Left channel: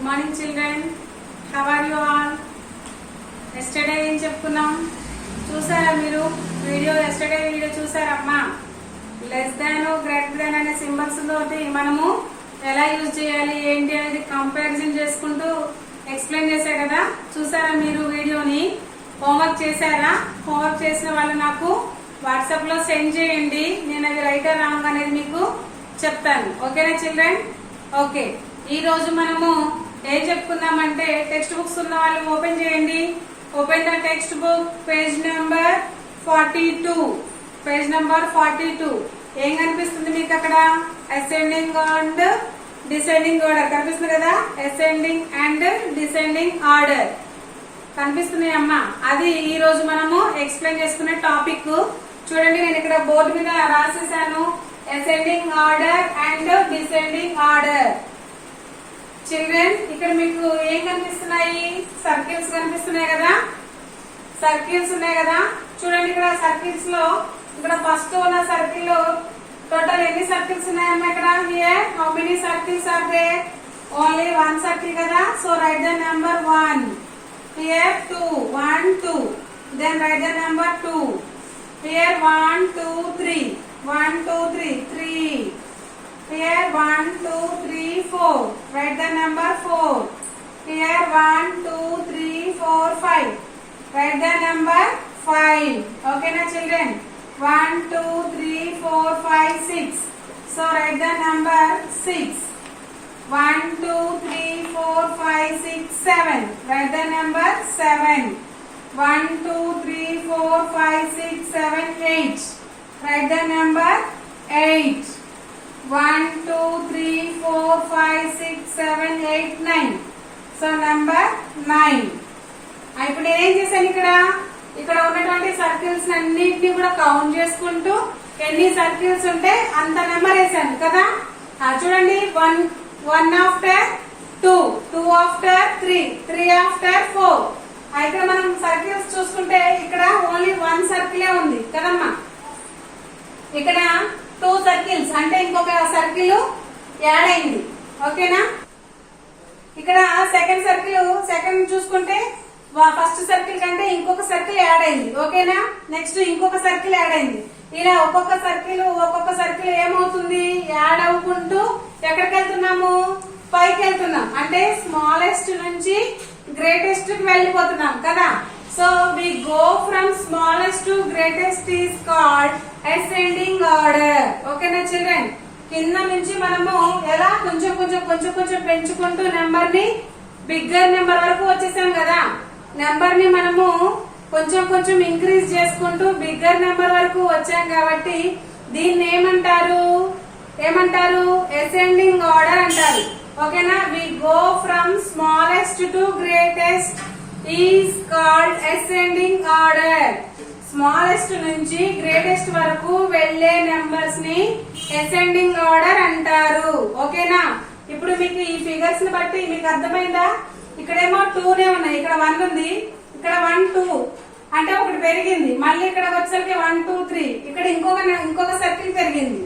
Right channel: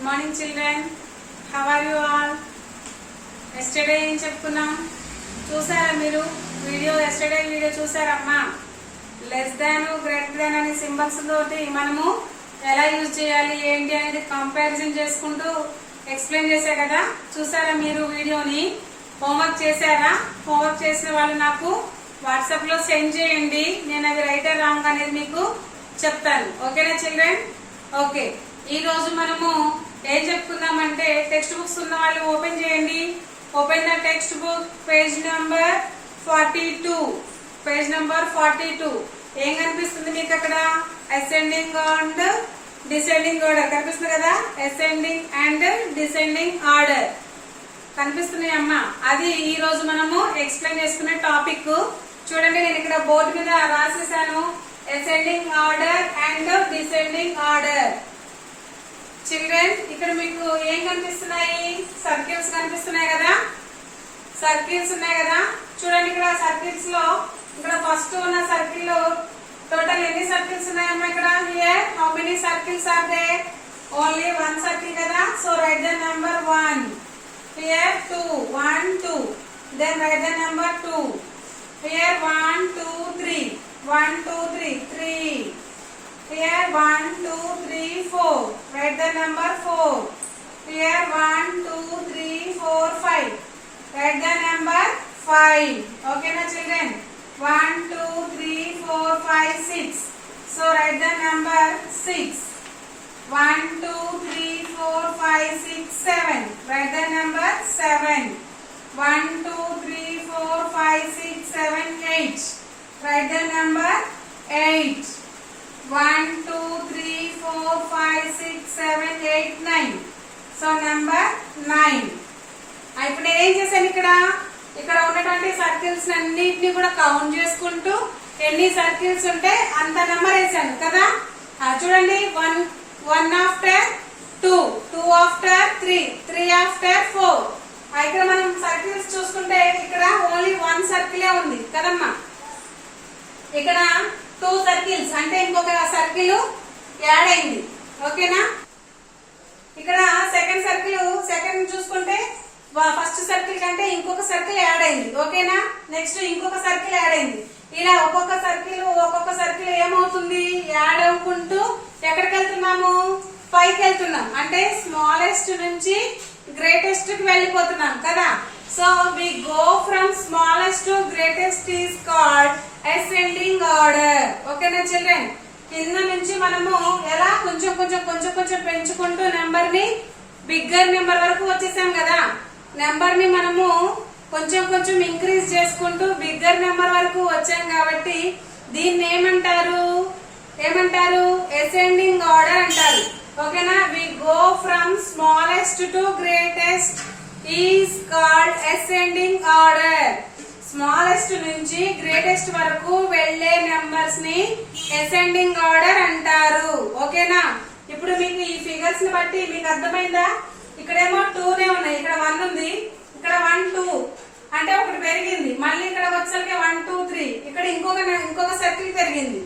Good morning children, how are you all? Yesterday ఏం చెప్పుకున్నాం చూసారా మీరు? ఎస్టర్డే వీడియో చూసారమ్మా? లెస్ దాన్ గ్రేటర్ దాన్ అనే సింబల్స్ తోటి మనము ఎలా యూజ్ చేయాలి ఏంటి అనేది కంపారిజన్ చేసుకుంటూ ఎక్స్ప్లెయిన్ చేశా కదా. చూసారా మీరు వీడియోని? హోంవర్క్ చేశారా? హోంవర్క్ చేసిన వాళ్ళు నాకు వాట్సాప్ లో సెండ్ చేయండి. నేను అది రైట్ ఆర్ రాంగ్ అనేది మీకు చెప్తాను. ఓకేనా చిల్డ్రన్? ఓకే, ఈ రోజు మనము ఏం చెప్పుకుందామంటే టెక్స్ట్ బుక్స్ ఉన్న వాళ్ళు ఓపెన్ చేయండి. Open the text book, page number 42. Page number 42 ఏం కనిపిస్తుంది మీకు అక్కడ? అసెండింగ్ అండ్ డిసెండింగ్ ఆర్డర్ కనిపిస్తుంది కదా. అసెండింగ్ అండ్ డిసెండింగ్ ఆర్డర్ కనిపిస్తున్నాయి అమ్మా. అది ఈ రోజు మనము ఎక్స్ప్లెయిన్ చేసుకునే టాపిక్. చూడండి, నేను ఇక్కడ బోర్డు మీద రాసేసాను ascending order and descending order. Children, ఇక్కడ మీకు ఏం కనిపిస్తున్నాయి? సర్కిల్స్ కనిపిస్తున్నాయి కదా. సర్కిల్స్ ఉన్నాయి కదా. చూడండి, ఇక్కడ సర్కిల్స్ లో ఇక్కడ ఫస్ట్ ఉన్న సర్కిల్ లో టోటల్ ఎన్ని సర్కిల్స్ ఉన్నాయమ్మా ఇక్కడ? Here how many circles are there? Only one circle కదా. So write the number 1. Here 2, 1, 2. Then write the number 2. Here 1, 2, 3. 1, 2, 3. 3. Here 1, 2, 3, 4. Write the number 4. Here 1, 2, 3, 4, 5. Write the number 5. Okay na children? 1, 2, 3, 4, 5, 6. So write the number 6. 1, 2, 3, 4, 5, 6, 7. Write the number 7. 1, 2, 3, 4, 5, 6, 7, 8. Write the number 8. 1, 2, 3, 4, 5, 6, 7, 8, 9. So number 9. ఇప్పుడు నేనేం చేశాను ఇక్కడ ఉన్నటువంటి circles అన్నిటిని కూడా count చేసుకుంటూ ఎన్ని circles ఉంటే అంత నెంబర్ వేసాను కదా. చూడండి, 1 ఆఫ్టర్ 2, 2 ఆఫ్టర్ 3, 3 ఆఫ్టర్ 4. ఇక్కడ మనం సర్కిల్స్ చూసుకుంటే ఇక్కడ ఓన్లీ 1 సర్కిలే ఉంది కదమ్మా. ఇక్కడ 2 సర్కిల్స్ అంటే ఇంకొక సర్కిల్ యాడ్ అయింది. ఓకేనా? ఇక్కడ సెకండ్ చూసుకుంటే ఫస్ట్ సర్కిల్ కంటే ఇంకొక సర్కిల్ యాడ్ అయింది. ఓకేనా? నెక్స్ట్ ఇంకొక సర్కిల్ యాడ్ అయింది. ఇలా ఒక్కొక్క సర్కిల్ ఏమవుతుంది? యాడ్ అవ్వుకుంటూ ఎక్కడికి వెళ్తున్నాము? పైకి వెళ్తున్నాం. అంటే స్మాలెస్ట్ నుంచి గ్రేటెస్ట్ కి వెళ్ళిపోతున్నాం కదా. So we go from smallest to greatest is called ascending order. ఓకేనా చిల్డ్రన్? కింద నుంచి మనము ఎలా కొంచెం పెంచుకుంటూ నెంబర్ ని బిగ్గర్ నెంబర్ వరకు వచ్చేసాం కదా. నెంబర్ ని మనము కొంచెం ఇంక్రీజ్ చేసుకుంటూ బిగ్గర్ నెంబర్ వరకు వచ్చాం కాబట్టి దీన్ని ఏమంటారు? అసెండింగ్ ఆర్డర్ అంటారు. ఓకేనా? We go from smallest to greatest is called ascending order. Smallest నుంచి గ్రేటెస్ట్ వరకు వెళ్లే నెంబర్స్ ని అసెండింగ్ ఆర్డర్ అంటారు. ఓకేనా? ఇప్పుడు మీకు ఈ ఫిగర్స్ ని బట్టి మీకు అర్థమైందా? ఇక్కడేమో 2నే ఉన్నాయి, ఇక్కడ 1 ఉంది, ఇక్కడ 1, 2 అంటే ఒకటి పెరిగింది. మళ్ళీ ఇక్కడ వచ్చేసరికి 1, 2, 3 ఇక్కడ ఇంకొక సర్కిల్ పెరిగింది.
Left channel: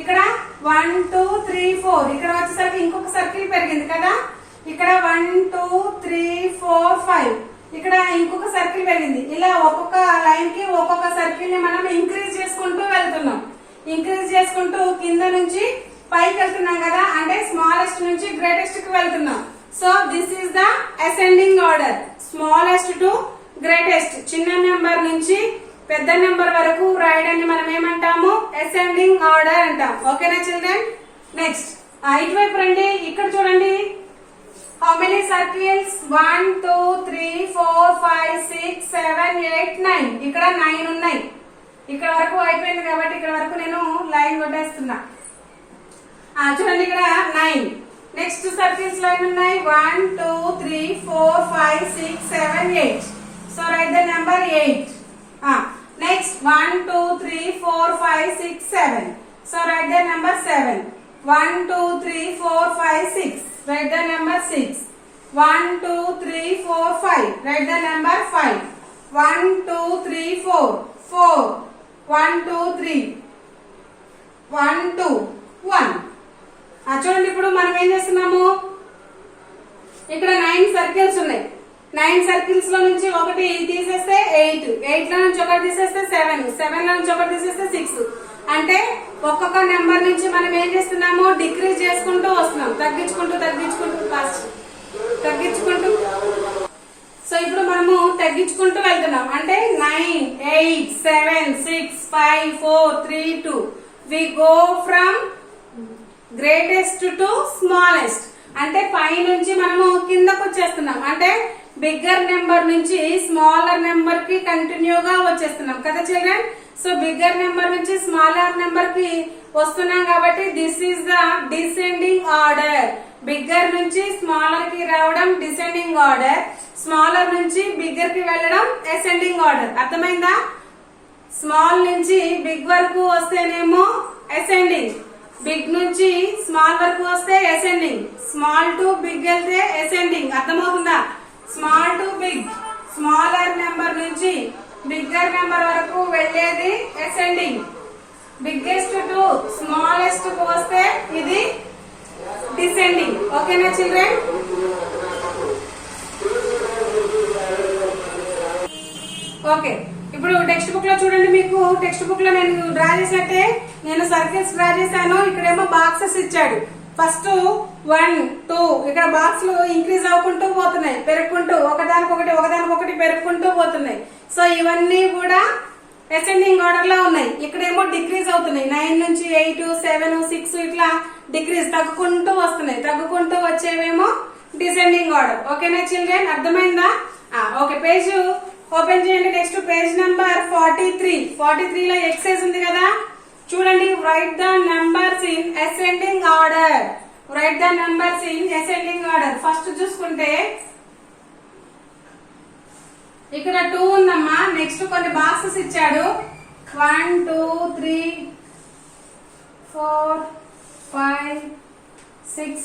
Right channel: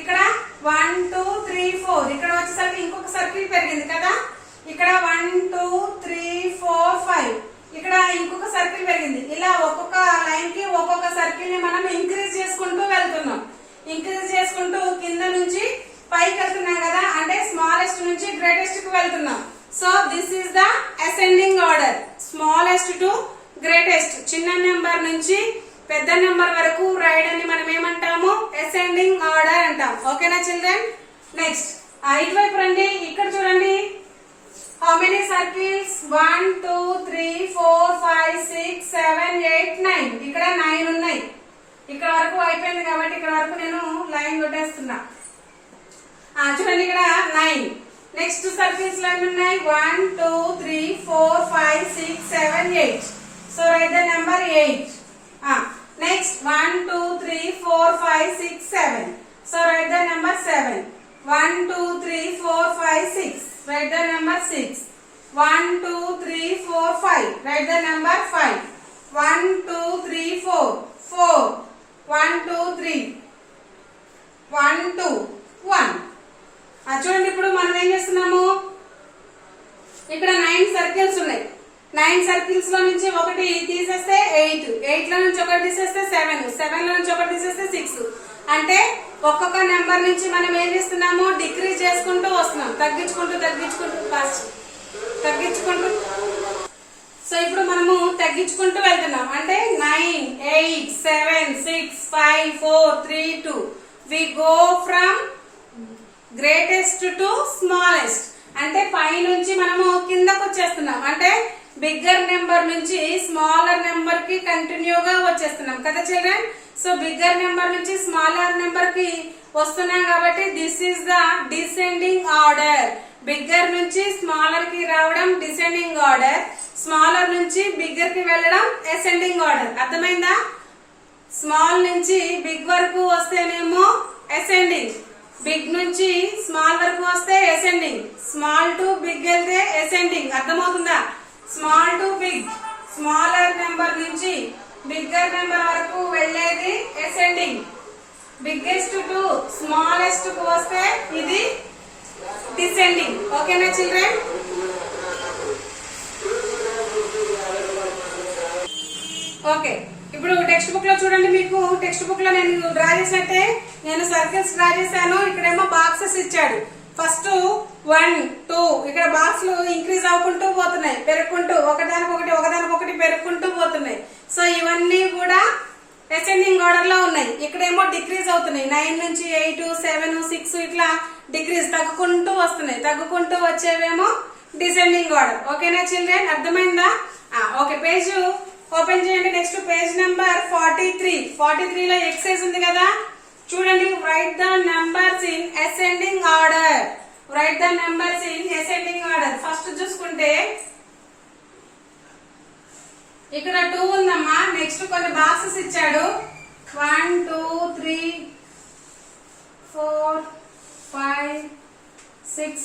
ఇక్కడ 1, 2, 3, 4 ఇక్కడ వచ్చేసరికి ఇంకొక సర్కిల్ పెరిగింది కదా. ఇక్కడ 1, 2, 3, 4, 5 ఇక్కడ ఇంకొక సర్కిల్ పెరిగింది. ఇలా ఒక్కొక్క లైన్ కి ఒక్కొక్క సర్కిల్ ని మనం ఇంక్రీజ్ చేసుకుంటూ వెళ్తున్నాం. ఇంక్రీజ్ చేసుకుంటూ కింద నుంచి పైకి వెళ్తున్నాం కదా. అంటే స్మాలెస్ట్ నుంచి గ్రేటెస్ట్ కి వెళ్తున్నాం. So this is the ascending order. Smallest to greatest, చిన్న నెంబర్ నుంచి పెద్ద నెంబర్ వరకు రాయడాన్ని మనం ఏమంటాము? అసెండింగ్ ఆర్డర్ అంటాం. ఓకేనా చిల్డ్రన్? నెక్స్ట్ ఇటువైపు రండి. ఇక్కడ చూడండి, హౌ మెనీ సర్కిల్స్? 1, 2, 3, 4, 5, 6, 7, 8, 9 ఇక్కడ 9 ఉన్నాయి. ఇక్కడ వరకు అయిపోయింది కాబట్టి ఇక్కడ వరకు నేను లైన్ కొట్టేస్తున్నా. చూడండి, ఇక్కడ 9. నెక్స్ట్ సర్కిల్స్ లో ఉన్నాయి 1, 2, 3, 4, 5, 6, 7, 8. So write the number 8. Next 1, 2, 3, 4, 5, 6, 7. So write the number 7. 1, 2, 3, 4, 5, 6. Write the number 6. 1, 2, 3, 4, 5. Write the number 5. 1, 2, 3, 4. 4. 1, 2, 3. 1, 2, 1. చూడండి, ఇప్పుడు మనం ఏం చేస్తున్నాము? సర్కిల్స్ ఉన్నాయి. 9 సర్కిల్స్ లో నుంచి ఒకటి తీసేస్తే 8, 8 లో నుంచి ఒకటి తీసేస్తే 7, 7 లో నుంచి ఒకటి తీసేస్తే 6. అంటే ఒక్కొక్క నెంబర్ నుంచి మనం ఏం చేస్తున్నాము, డిక్రీజ్ చేసుకుంటూ వస్తున్నాం, తగ్గించుకుంటూ తగ్గించుకుంటూ. సో ఇప్పుడు మనము తగ్గించుకుంటూ వెళ్తున్నాం. అంటే 9, 8, 7, 6, 5, 4, 3, 2. We go from greatest to smallest. అంటే పై నుంచి మనము కిందకు వచ్చేస్తున్నాం. అంటే బిగ్గర్ నెంబర్ నుంచి స్మాలర్ నెంబర్ కి కంటిన్యూగా వచ్చేస్తున్నాం కదా చిల్డ్రన్. సో బిగ్గర్ నెంబర్ నుంచి స్మాలర్ నెంబర్ కి వస్తున్నాం కాబట్టి this is the descending order. Bigger నుంచి స్మాలర్ కి రావడం డిసెండింగ్ ఆర్డర్, స్మాలర్ నుంచి బిగ్గర్ కి వెళ్ళడం అసెండింగ్ ఆర్డర్. అర్థమైందా? స్మాల్ నుంచి బిగ్ వరకు వస్తేనేమో అసెండింగ్, బిగ్ నుంచి స్మాల్ వరకు వస్తే అసెండింగ్, స్మాల్ టు బిగ్ వెళ్తే అసెండింగ్. అర్థమవుతుందా? Small to big, smaller number నుంచి బిగ్గర్ నెంబర్ వరకు వెళ్ళేది అసెండింగ్. బిగ్గెస్ట్ టు స్మాలెస్ట్ కు వస్తే ఇది డిసెండింగ్. ఓకేనా చిల్డ్రన్? ఓకే, ఇప్పుడు టెక్స్ట్ బుక్ లో చూడండి. మీకు టెక్స్ట్ బుక్ లో నేను డ్రా చేసినట్టే నేను సర్కిల్స్ డ్రా చేశాను. ఇక్కడేమో బాక్సెస్ ఇచ్చాడు. ఫస్ట్ 1, 2 ఇక్కడ బాక్స్ లు ఇంక్రీజ్ అవ్వకుంటూ పోతున్నాయి, పెరుగుకుంటూ ఒకదానికొకటి పెరుగుకుంటూ పోతున్నాయి. సో ఇవన్నీ కూడా అసెండింగ్ ఆర్డర్ లో ఉన్నాయి. ఇక్కడేమో డిక్రీజ్ అవుతున్నాయి. 9 నుంచి 8, 7, 6 ఇట్లా డిక్రీజ్ తగ్గుకుంటూ వస్తున్నాయి. తగ్గుకుంటూ వచ్చేవేమో డిసెండింగ్ ఆర్డర్. ఓకేనా చిల్డ్రన్? అర్థమైందా? ఓకే, పేజ్ ఓపెన్ చేయండి. Next page number 43. 43 లో ఎక్సైజ్ ఉంది కదా, చూడండి. Right the numbers in ascending order. Right the numbers in ascending order. First చూసుకుంటే ఇక్కడ 2 ఉందమ్మా. నెక్స్ట్ కొన్ని బాక్సెస్ ఇచ్చాడు. 1, 2, 3, 4, 5, 6,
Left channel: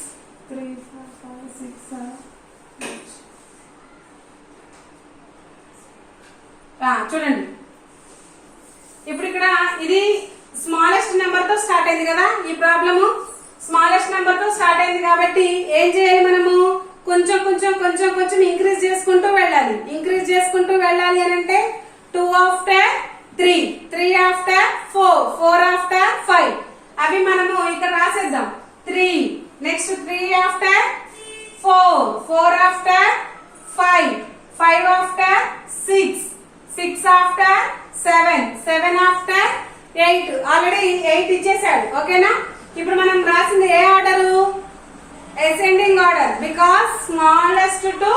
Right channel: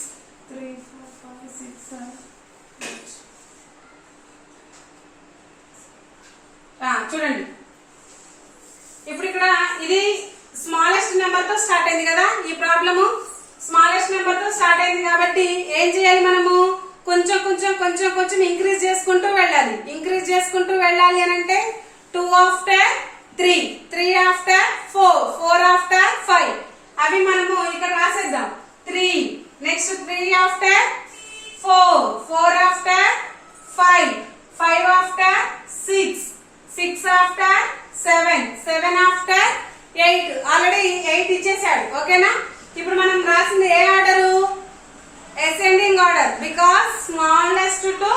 3, 4, 5, 6, 7, 8. చూడండి, ఇప్పుడు ఇక్కడ ఇది స్మాలెస్ట్ నెంబర్ తో స్టార్ట్ అయింది కదా. ఈ ప్రాబ్లము స్మాలెస్ట్ నెంబర్ తో స్టార్ట్ అయింది కాబట్టి ఏం చేయాలి మనము, కొంచెం ఇంక్రీజ్ చేసుకుంటూ వెళ్ళాలి. ఇంక్రీజ్ చేసుకుంటూ వెళ్ళాలి అని అంటే 2 ఆఫ్టర్ 3, 3 ఆఫ్టర్ 4, 4 ఆఫ్టర్ 5 అవి మనము ఇక్కడ రాసేద్దాం. 3 next 3 after 4, 4 after 5, 5 after 6, 6 after 7, 7 after 8. Already 8 ఇచ్చేసాడు. ఓకేనా? ఇప్పుడు మనం రాసింది ఏ order? Ascending order, because smallest to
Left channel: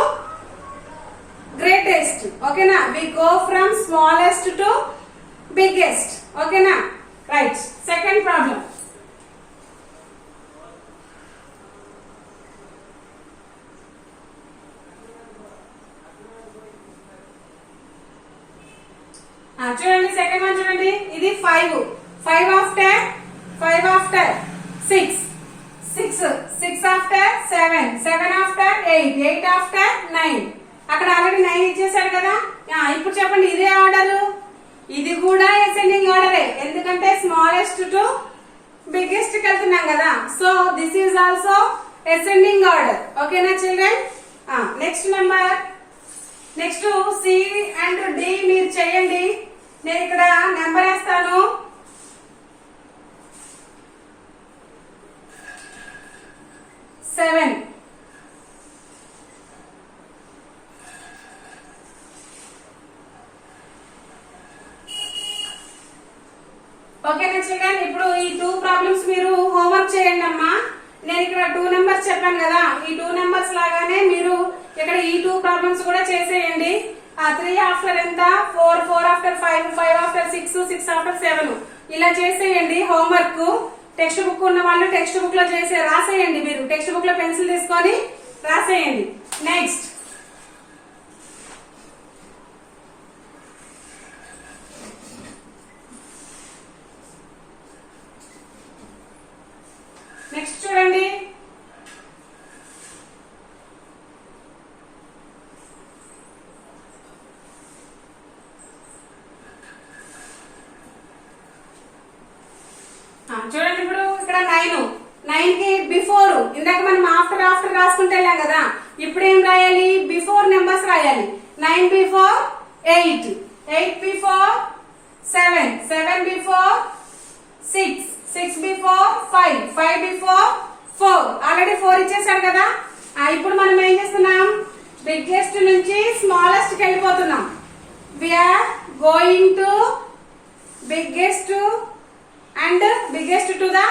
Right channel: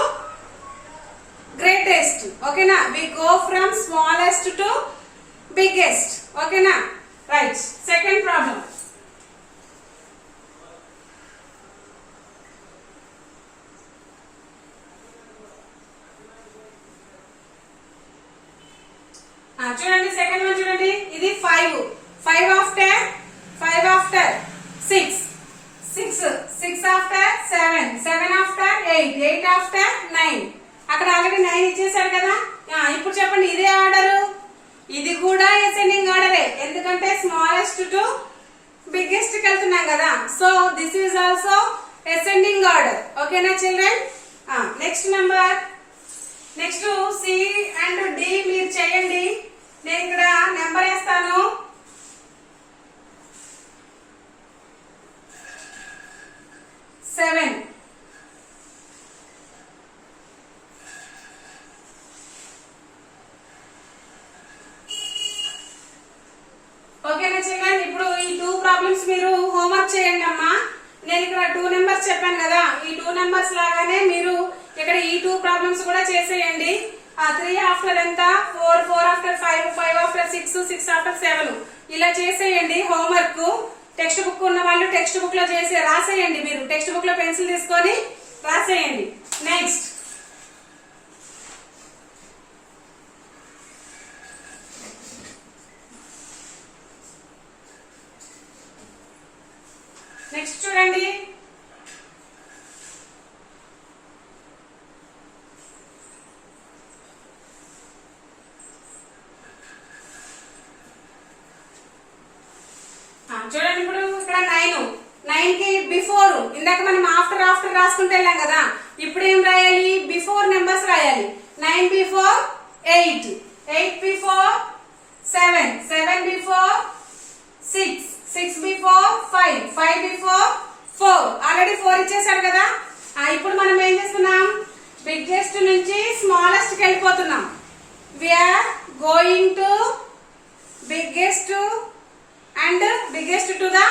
greatest. ఓకేనా? We go from smallest to biggest. ఓకేనా? రైట్. Second problem. చూడండి, సెకండ్ వన్ చూడండి. ఇది 5, 5 ఆఫ్టర్ 6, 6 ఆఫ్టర్ 7, 7 ఆఫ్టర్ 8, 8 ఆఫ్టర్ 9. అక్కడ ఆల్రెడీ 9 ఇచ్చేసారు కదా. ఇప్పుడు చెప్పండి, ఇదే ఆర్డర్. ఇది కూడా అసెండింగ్ ఆర్డరే, ఎందుకంటే స్మాలెస్ట్ టు బిగ్గెస్ట్ కి వెళ్తున్నాం కదా. So this is also ascending order. ఓకేనా children? Next number. Next C and D మీరు చేయండి. నేను ఇక్కడ నెంబర్ వేస్తాను. సెవెన్. ఓకేనా చిల్డ్రన్? ఇప్పుడు ఈ 2 ప్రాబ్లమ్స్ మీరు హోంవర్క్ చేయండి అమ్మా. నేను ఇక్కడ 2 నెంబర్స్ చెప్పాను కదా, ఈ 2 నెంబర్స్ లాగానే మీరు ఇక్కడ ఈ 2 ప్రాబ్లమ్స్ కూడా చేసేయండి. 3 ఆఫ్టర్ ఎంత? 4, 4 ఆఫ్టర్ 5, 5 ఆఫ్టర్ 6, 6 ఆఫ్టర్ 7 ఇలా చేసేయండి హోంవర్క్. టెక్స్ట్ బుక్ ఉన్న వాళ్ళు టెక్స్ట్ బుక్ లో రాసేయండి. మీరు టెక్స్ట్ బుక్ లో పెన్సిల్ తీసుకొని రాసేయండి. నెక్స్ట్ చూడండి. చూడండి, ఇప్పుడు ఇక్కడ 9 కి బిఫోర్, ఇందాక మనం ఆఫ్టర్ రాసుకుంటే వెళ్ళాం కదా. ఇప్పుడు ఏం రాయాలి? 9 before 8, 8 before 7, 7 before 6, 6 before 5, 5 before 4. Already 4 ఇచ్చేసాడు కదా. ఇప్పుడు మనం ఏం చేస్తున్నాం, బిగ్గెస్ట్ నుంచి స్మాలెస్ట్ కి వెళ్ళిపోతున్నాం. We are going to biggest and biggest to the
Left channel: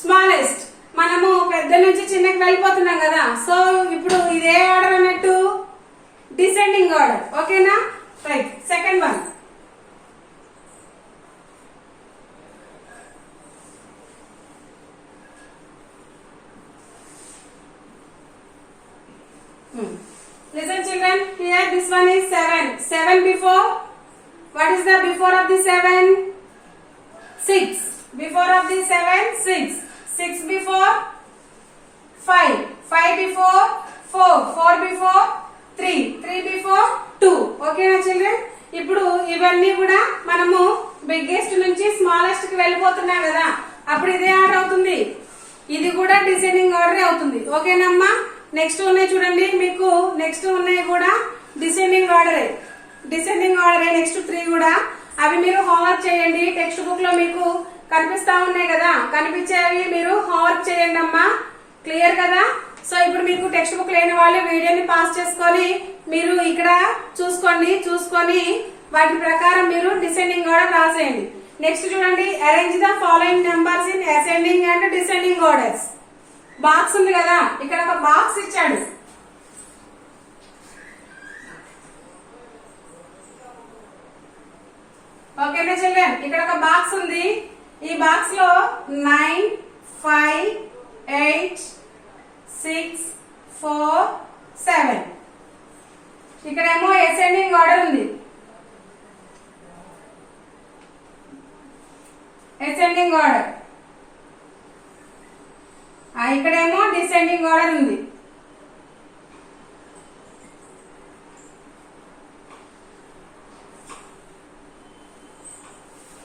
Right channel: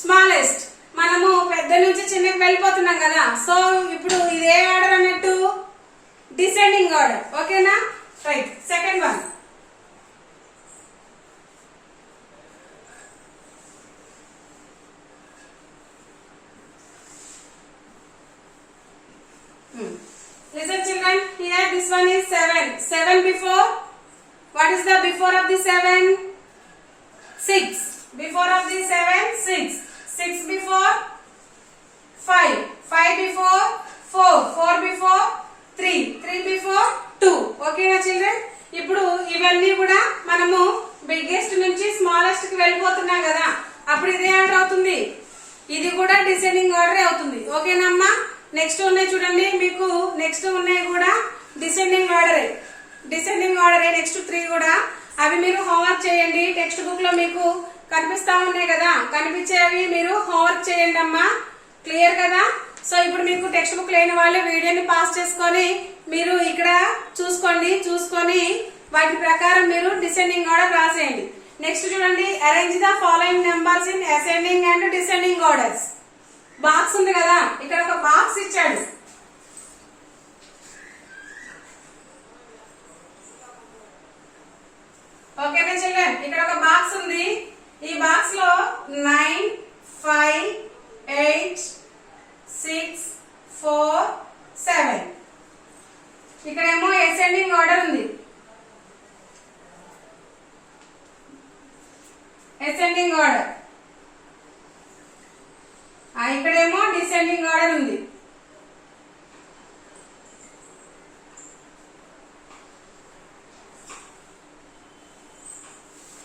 smallest. మనము పెద్ద నుంచి చిన్నకి వెళ్ళిపోతున్నాం కదా. సో ఇప్పుడు ఇదే ఆర్డర్ అన్నట్టు, డిసెండింగ్ ఆర్డర్. ఓకేనా? Right. Second one, listen children, here this one is 7. 7 before, what is the before of the 7? 6. Before of the 7, 6. 6 before 5. 5 before 4. 4 before 3. 3 before 2. Okay na children? ఇప్పుడు ఇవన్నీ కూడా మనము బిగ్గెస్ట్ నుంచి smallest కి వెళ్ళిపోతున్నాం కదా. అప్పుడు ఇదే ఆర్డర్ అవుతుంది, ఇది కూడా డిసెండింగ్ ఆర్డర్ అవుతుంది. ఓకేనమ్మా? నెక్స్ట్ ఉన్నాయి చూడండి, మీకు నెక్స్ట్ ఉన్నాయి కూడా డిసెండింగ్ ఆర్డరే. డిసెండింగ్ ఆర్డరే నెక్స్ట్ 3 కూడా. అవి మీరు హోంవర్క్ చేయండి. టెక్స్ట్ బుక్ లో మీకు కనిపిస్తా ఉన్నాయి కదా, కనిపించేవి మీరు హోంవర్క్ చేయండి అమ్మా. క్లియర్ కదా? సో ఇప్పుడు మీకు టెక్స్ట్ బుక్ లేని వాళ్ళు వీడియోని పాస్ చేసుకొని మీరు ఇక్కడ చూసుకొని వాటి ప్రకారం మీరు డిసెండింగ్ ఆర్డర్ రాసేయండి. నెక్స్ట్ చూడండి, arrange the following numbers in ascending and descending orders. Box ఉంది కదా, ఇక్కడ ఒక బాక్స్ ఇచ్చాడు. ఓకేనా చిల్డ్రన్? ఇక్కడ ఒక బాక్స్ ఉంది. ఈ బాక్స్ లో 9, 5, 8, 6, 4, 7. ఇక్కడేమో అసెండింగ్ ఆర్డర్ ఉంది. Ascending order. ఇక్కడేమో డిసెండింగ్ ఆర్డర్ ఉంది.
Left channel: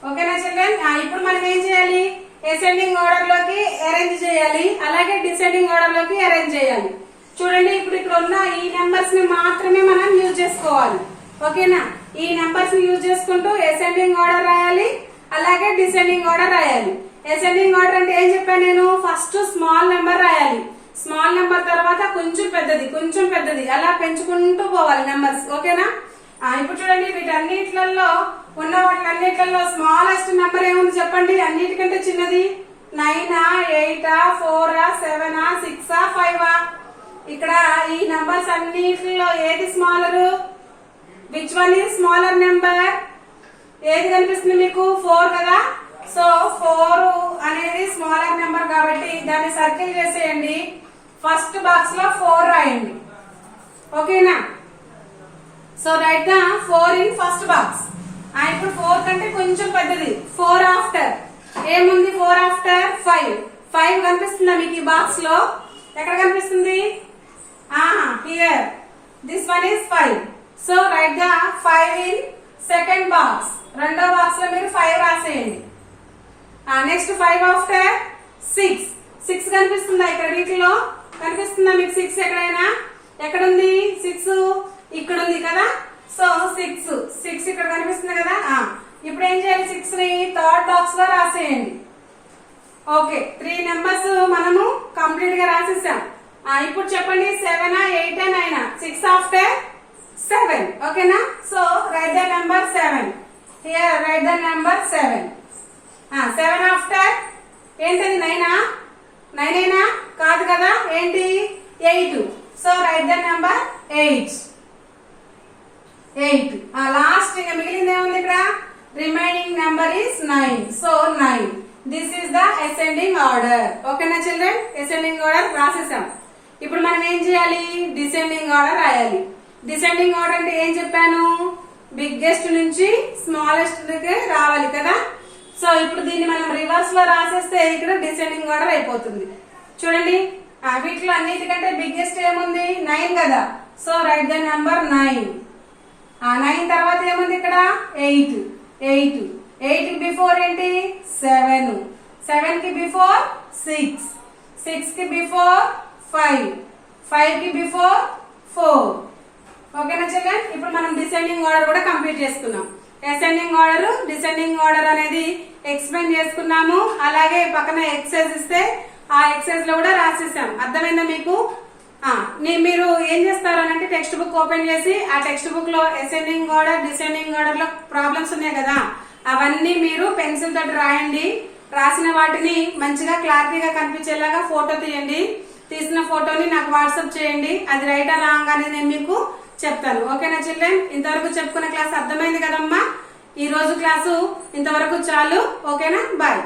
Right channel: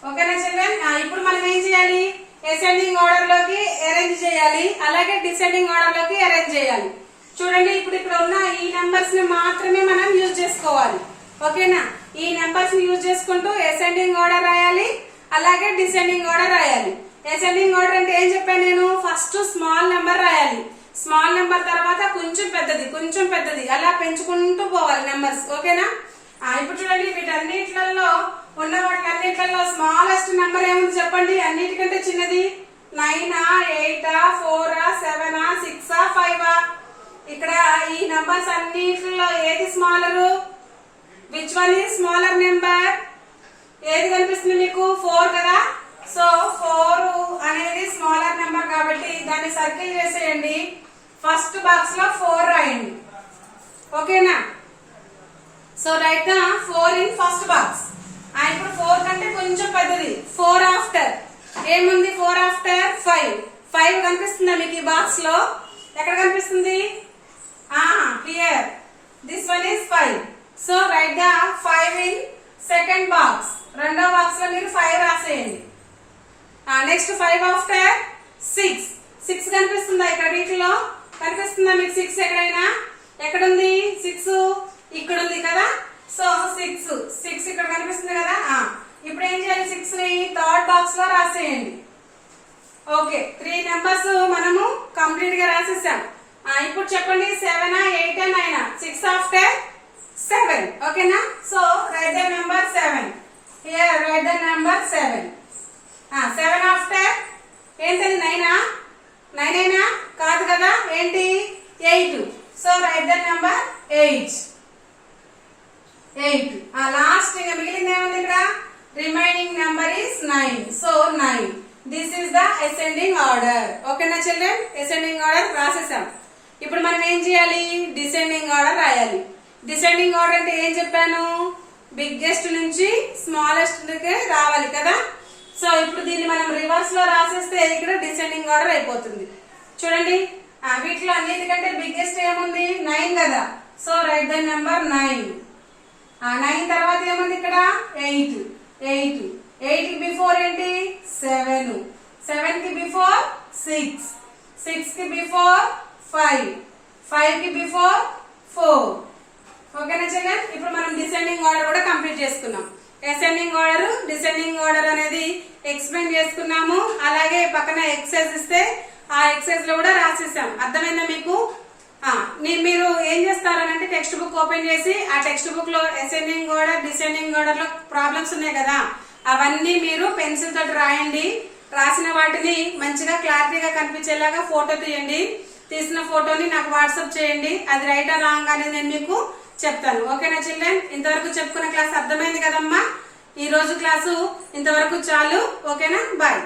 ఓకేనా చిల్డ్రన్? ఇప్పుడు మనం ఏం చేయాలి, అసెండింగ్ ఆర్డర్ లోకి అరేంజ్ చేయాలి, అలాగే డిసెండింగ్ ఆర్డర్ లోకి అరేంజ్ చేయాలి. చూడండి, ఇప్పుడు ఇక్కడ ఉన్న ఈ నెంబర్స్ ని మాత్రమే మనం యూజ్ చేసుకోవాలి. ఓకేనా? ఈ నెంబర్స్ ని యూజ్ చేసుకుంటూ అసెండింగ్ ఆర్డర్ రాయాలి, అలాగే డిసెండింగ్ ఆర్డర్ రాయాలి. అసెండింగ్ ఆర్డర్ అంటే ఏం చెప్పాను నేను, ఫస్ట్ స్మాల్ నెంబర్ రాయాలి, స్మాల్ నెంబర్ తర్వాత కొంచెం పెద్దది అలా పెంచుకుంటూ పోవాలి నెంబర్స్. ఓకేనా? ఇప్పుడు చూడండి, వీటన్నిట్లలో ఉన్న వాటిలన్నిట్లలో స్మాలెస్ట్ నెంబర్ ఏముంది చెప్పండి, అన్నిటికంటే చిన్నది 9, 8, 4, 7, 6, 5. ఇక్కడ ఈ నెంబర్స్ అన్నిటిలో ఏది smaller? Which one is smaller number? ఏది కనిపిస్తుంది మీకు? 4 కదా. సో 4 అనేది స్మాలర్ నెంబర్ కాబట్టి దాన్ని సర్కిల్ చేసేయండి. ఫస్ట్ బాక్స్ లో 4 రాయండి. ఓకేనా? So write the 4 in first box. ఇప్పుడు 4 కంటే కొంచెం పెద్దది 4 ఆఫ్టర్. ఏముంది 4 ఆఫ్టర్? 5. 5 కనిపిస్తుందా మీకు ఈ బాక్స్ లో? ఎక్కడ కనిపిస్తుంది? Here. This one is 5. So write the 5 in second box. రెండో బాక్స్ లో మీరు 5 రాసేయండి. Next 5 after 6. 6 కనిపిస్తుందా ఇక్కడ వీటిలో? కనిపిస్తుందా మీకు 6 ఎక్కడైనా? ఎక్కడుంది 6? ఇక్కడ ఉంది కదా. సో 6 ఇక్కడ కనిపిస్తుంది కదా. ఇప్పుడు ఏం చేయాలి, 6 ని థర్డ్ బాక్స్ లో రాసేయండి. ఓకే, 3 నెంబర్స్ మనము కంప్లీట్ గా రాసేసాం. ఇప్పుడు చెప్పండి 7, 8, 9. 6 ఆఫ్టర్ 7. ఓకేనా? So write the number 7. Here write the number 7. 7 after ఏంటది? 9. 9 కాదు కదా, ఏంటి? 8. So write the number 8. Last ఇంకా మిగిలింది ఏముంది ఇక్కడ? Remaining number is 9. So 9. This is the ascending order. ఓకేనా చిల్డ్రన్? అసెండింగ్ ఆర్డర్ రాసేసాం. ఇప్పుడు మనం ఏం చేయాలి, డిసెండింగ్ ఆర్డర్ రాయాలి. డిసెండింగ్ ఆర్డర్ అంటే ఏం చెప్పాను, బిగ్గెస్ట్ నుంచి స్మాలెస్ట్ రావాలి కదా. సో ఇప్పుడు దీన్ని మనం రివర్స్ లో రాసేస్తే ఇక్కడ డిసెండింగ్ ఆర్డర్ అయిపోతుంది. చూడండి, వీటిలో అన్నిటికంటే బిగ్గెస్ట్ ఏముంది? 9 కదా. So write the number 9. 9 తర్వాత ఏముంది ఇక్కడ? 8. 8 కి బిఫోర్ ఏంటి? 7. 7 కి బిఫోర్ 6. 6 కి బిఫోర్ 5. 5 కి బిఫోర్ 4. ఓకేనా చిల్డ్రన్? ఇప్పుడు మనం డిసెండింగ్ ఆర్డర్ కూడా కంప్లీట్ చేసుకున్నాం. అసెండింగ్ ఆర్డర్, డిసెండింగ్ ఆర్డర్ అనేది ఎక్స్ప్లెయిన్ చేసుకున్నాము. అలాగే పక్కన ఎక్సర్సైజ్ ఇస్తే ఆ ఎక్సర్సైజ్ లో కూడా రాసేసాం. అర్థమైందా మీకు? మీరు ఏం చేస్తారనంటే టెక్స్ట్ బుక్ ఓపెన్ చేసి ఆ టెక్స్ట్ బుక్ లో అసెండింగ్ ఆర్డర్, డిసెండింగ్ ఆర్డర్ లో ప్రాబ్లమ్స్ ఉన్నాయి కదా, అవన్నీ మీరు పెన్సిల్ తోటి రాయండి. రాసిన వాటిని మంచిగా క్లారిటీగా కనిపించేలాగా ఫోటో తీయండి. తీసిన ఫోటోని నాకు వాట్సాప్ చేయండి. అది రైట్ ఆ రాంగ్ అనేది నేను మీకు చెప్తాను. ఓకేనా చిల్డ్రన్? ఇంతవరకు చెప్పుకున్న క్లాస్ అర్థమైంది కదమ్మా? ఈ రోజు క్లాసు ఇంతవరకు చాలు. ఓకేనా? బాయ్.